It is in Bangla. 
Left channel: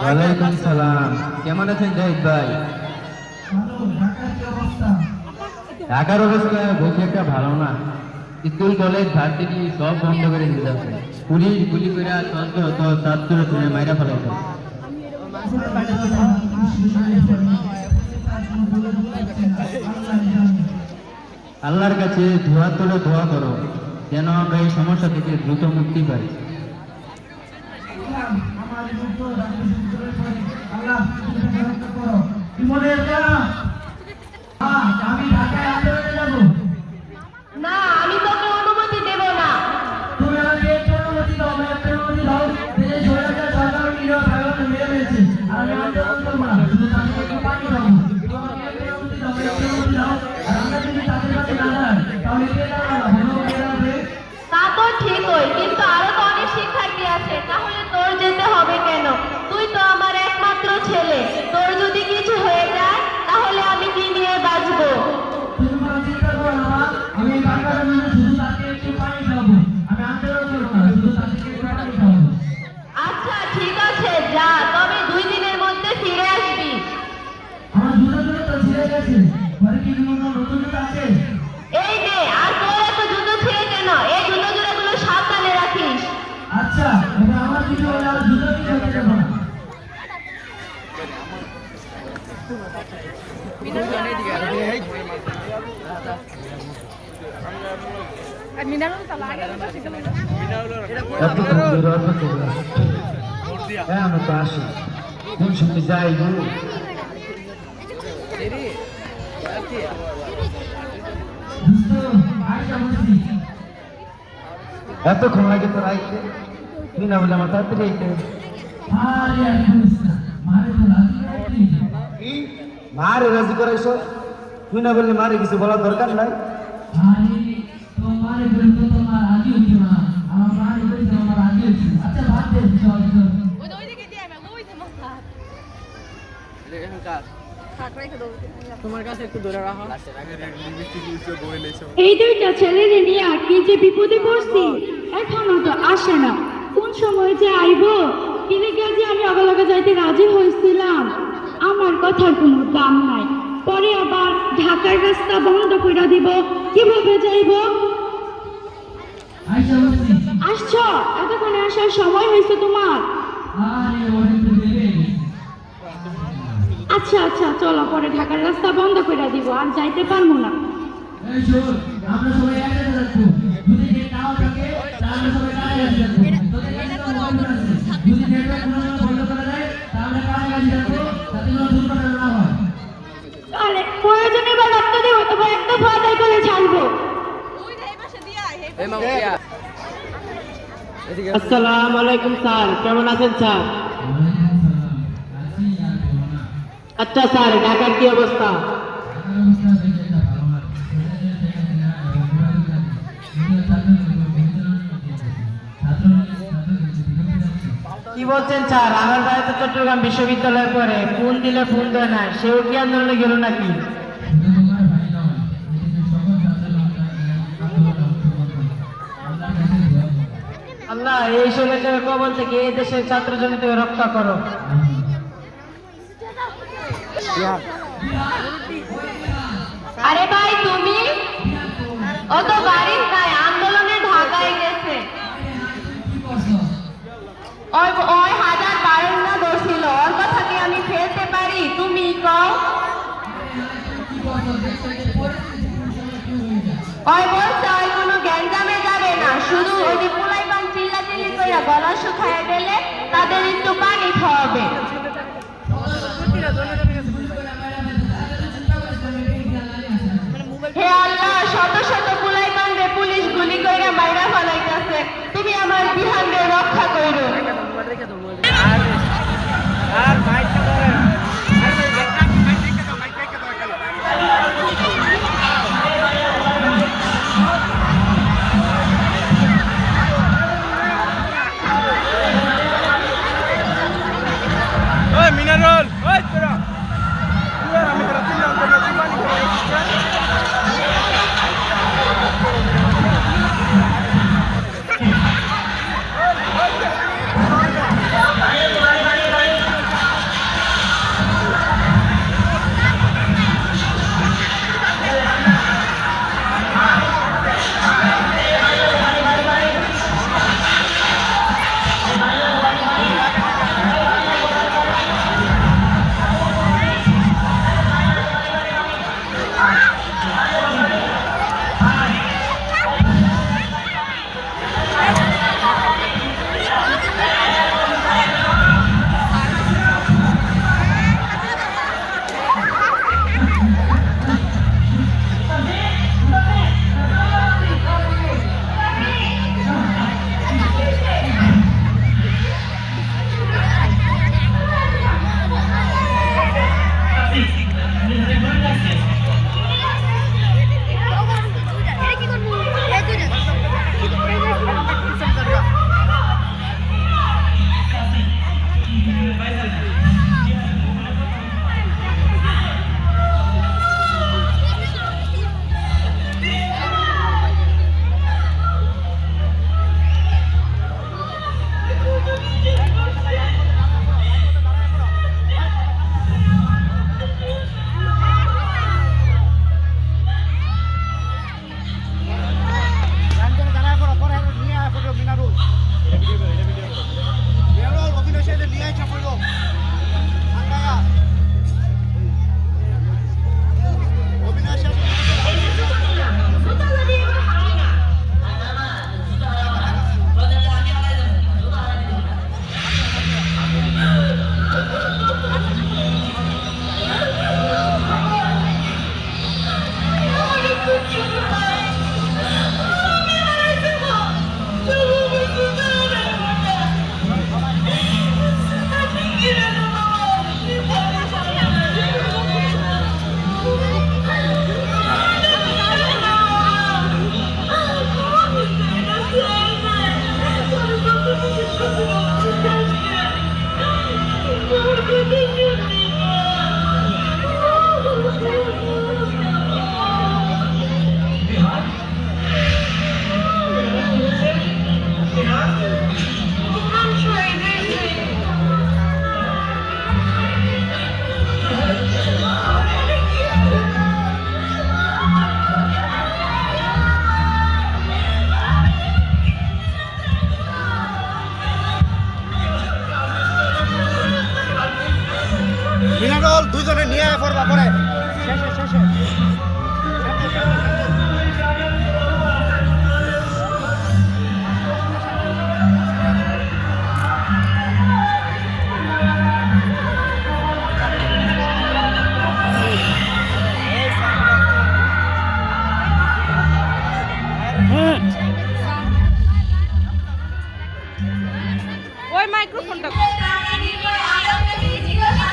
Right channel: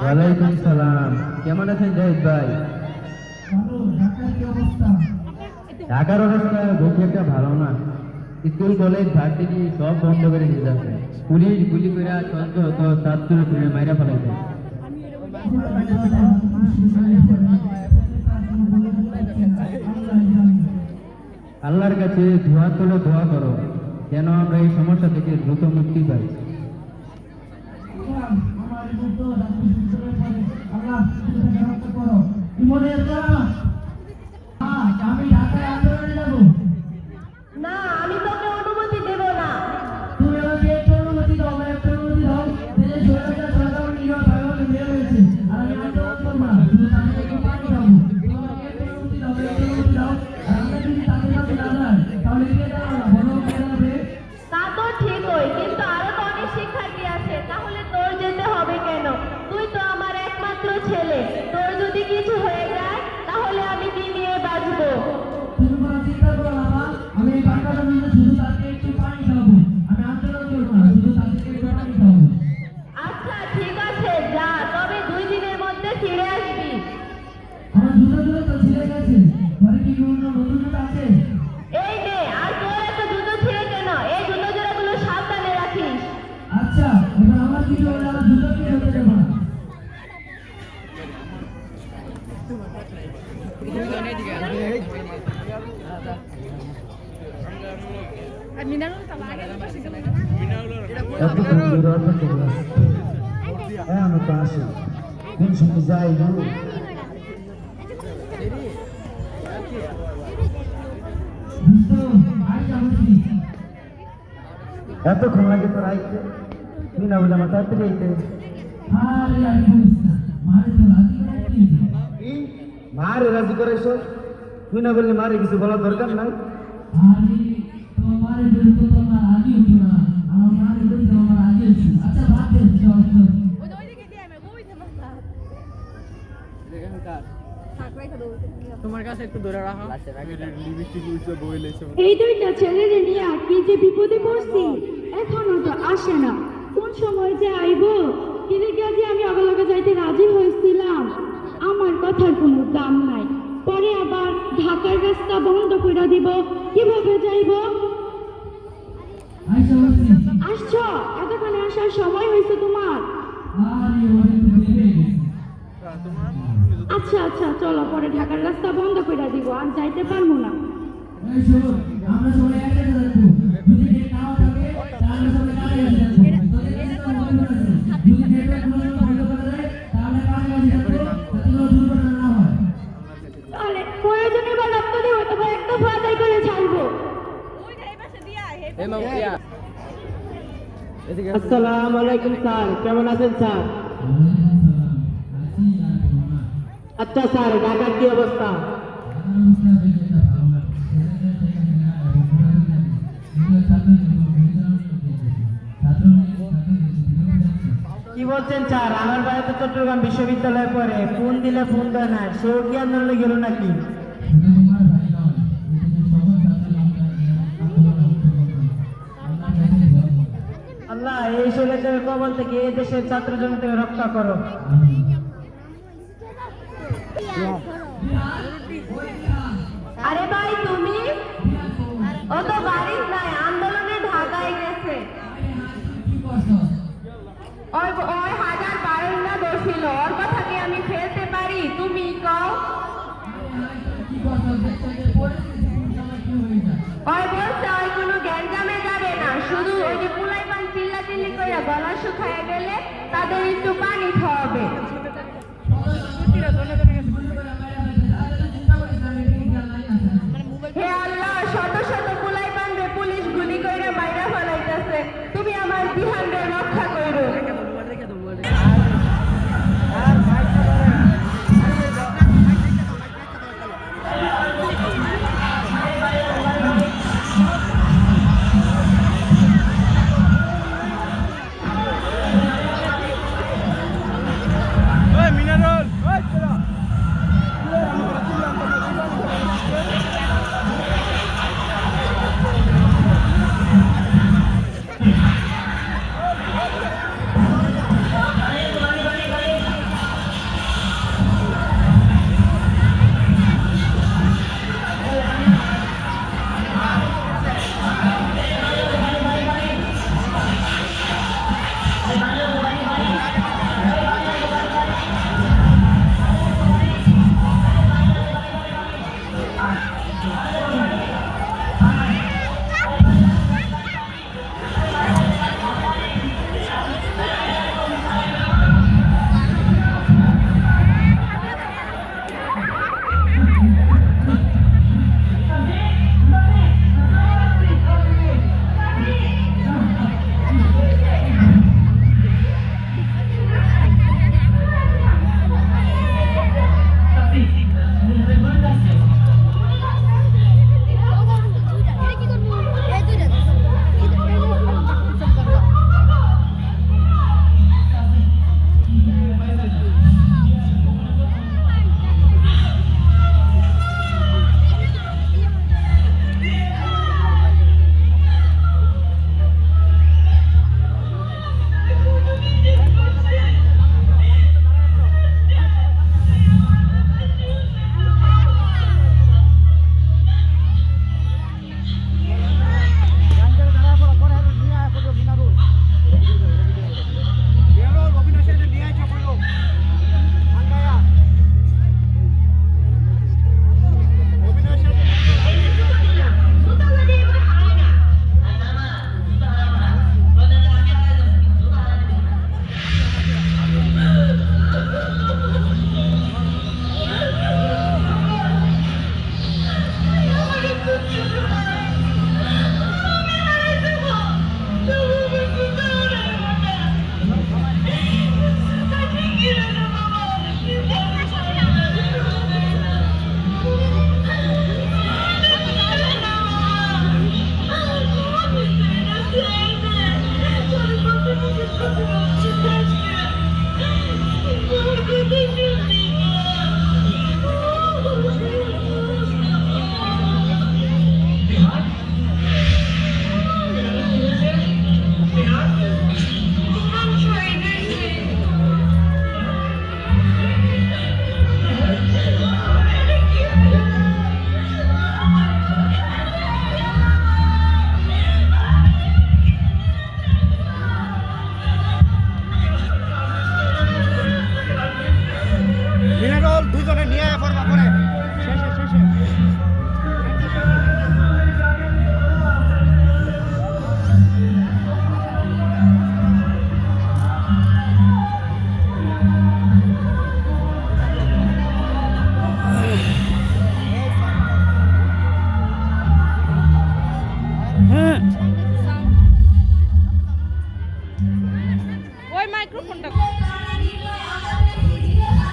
ওয়ালাইকুম সালাম। কেমন আছেন জাহিদ ভাই? ঢাকার অবস্থা বলছি একটা ভালো না। স্কুল কলেজ ভার্সিটি সব বন্ধ করে দিতে যাচ্ছে। পুলিশ গুলি করে ছাত্র তুলে মাইরা ফেলাইছে। আল্লাহর কাছে ধোয়া তোলে দোয়া করো যেন আমরা এই সমস্যা থেকে দ্রুত মুক্তি পাই। আমি ঢাকায় আন্দোলনে যাব না, আমি তোকে অনুমতি দেব না। তুমি আমাকে একটু অনুমতি দাও, আমি একটা অনুমতি দাও। দেশে সরকার সরকার নিরীহ ভাইকে মেরে ফেলেছে আর আমি আন্দোলন করবো না, শুধু তাদের একটু পানি খাবো। তোমাকে একটা অনুমতি দাও, একটা অনুমতি দাও। আর আমরা যদি তাদের কাছে না যাই তাহলে কে দাঁড়াবে না, বলো কে দাঁড়াবে? তা তো ঠিকই, কিন্তু আরো তো অনেক শিক্ষার্থী আছে, তাহলে তোর যেতে হবে কেন? তুই তো আমার একমাত্র ছেলে, তোর যদি কিছু হয়ে যায় তাহলে আমি কি নিয়ে বাঁচবো? তুমি কোনো চিন্তা করো না মা, আমি এই বাচ্চাদের জন্য শুধু তাকে একটু পানি খাবো। আমি আন্দোলন করবো না, শুধু তাদেরকে একটু পানি খাবো। আচ্ছা ঠিক আছে, যা, তবে 2 দিনের মধ্যে ফিরে আসবি। আমার জুতোগুলো তো ছিঁড়ে গেছে, ঘরে কি কোনো নতুন জুতো আছে? এই নে, আর তোর এত জুতো ছিঁড়ে কেন? এই জুতো জোড়াগুলো সাবধানে রাখিস। আচ্ছা, এবার আমার কিছু হলে আর জুতো কি হতে দেবো না। আমি তো আসি কোন সময় যাই গো। দোস্ত, আর যাবো না। এতক্ষণ লাগে তো আইতে, তুই না বলে আমার তাড়াতাড়ি আইতে। আরে আর বলিস না, মারে তো রাজি রাখলি। মারে রাজি করাইছ, তুই না বললে মারে কিছু বলার দরকার নাই। আরে তোমারে বলতে তোমার রাজি হইতো না, আমার মারে বলতে আমার রাজি হইছে। আচ্ছা বাদ দে, চল চল। তোমার কাছে একটু ধরে রাখো। এই 2টা ছেলেরে নিয়ে কি যে বিপদে পড়ছি, এখনো তো আসে না। কোন সময় যে আইব, কিনে যে আমি অবলাগে যাইতে রাজি হয়েছিলাম। আমার কথার কোনো দাম নাই। পরে আবার ঢাকার রাস্তা বন্ধ করে দিব, কিভাবে যাইব? আইসা বলছি। আসছো, এতক্ষণে আসার সময় হয়েছে তোমার? আরে ওরে তো দেবে। আচ্ছা আচ্ছা, চলো, পরে ঢাকার রাস্তা বন্ধ করে দিব, আর যাইতে পারবো না। এই শোন, আমরা সবাই একসাথে যাচ্ছি। যদি নেট নাও থাকে তাহলে সবাই কাছাকাছি যাচ্ছি। তোদের কাছে তো মোবাইল আছে, যদি নেটওয়ার্ক কোনো সময় বন্ধ করে দেয় তাহলে কাছাকাছি যাচ্ছি, যাতে কোনো দুর্ঘটনা না হয়। তাহলে প্রয়োজনে বা রাখতে দেবো, তোমার একটা ভয় করে ছাড়বো। আসসালামু আলাইকুম স্যার, কেমন আছেন স্যার? আচ্ছা স্যার, ঢাকার কি অবস্থা? কি বলছেন স্যার? আমার ভাই তো চট্টগ্রাম বিশ্ববিদ্যালয়ে পড়ে, ফোন দিলে ফোন দেয় না, সেও কি আন্দোলনে গেল নাকি? আল্লাহ এই ষড়যন্ত্রের কবল থেকে এই দেশের ছাত্র জনতাকে রক্ষা করো। আরে ভাই, তুমি অত বাড়ির নাই, আন্দোলনে ঢাকায় গেছে। ওই ওই 1052 দোষিল, ওর কথা কি আমি ফেলতে পারি? তুমি কও। ওই বলছে ওই কোনো গ্যাঞ্জামে যাবে না, শুধু ওই যে পোলাইপান চিল্লাচিল্লি কইরা গলা শুকায় দিলে তাদের একটু পানি খাওয়াবে। হে আল্লাহ, শত শত পোলাইপান রে পুলিশ গুলি কইরা মাইরা ফেলাইতাছে, তুমি আমার বিহান রে রক্ষা কইরো। ওই মাইক্রোফোনটা প্রাণের নির্ভয় আদম থেকে জিজ্ঞাসা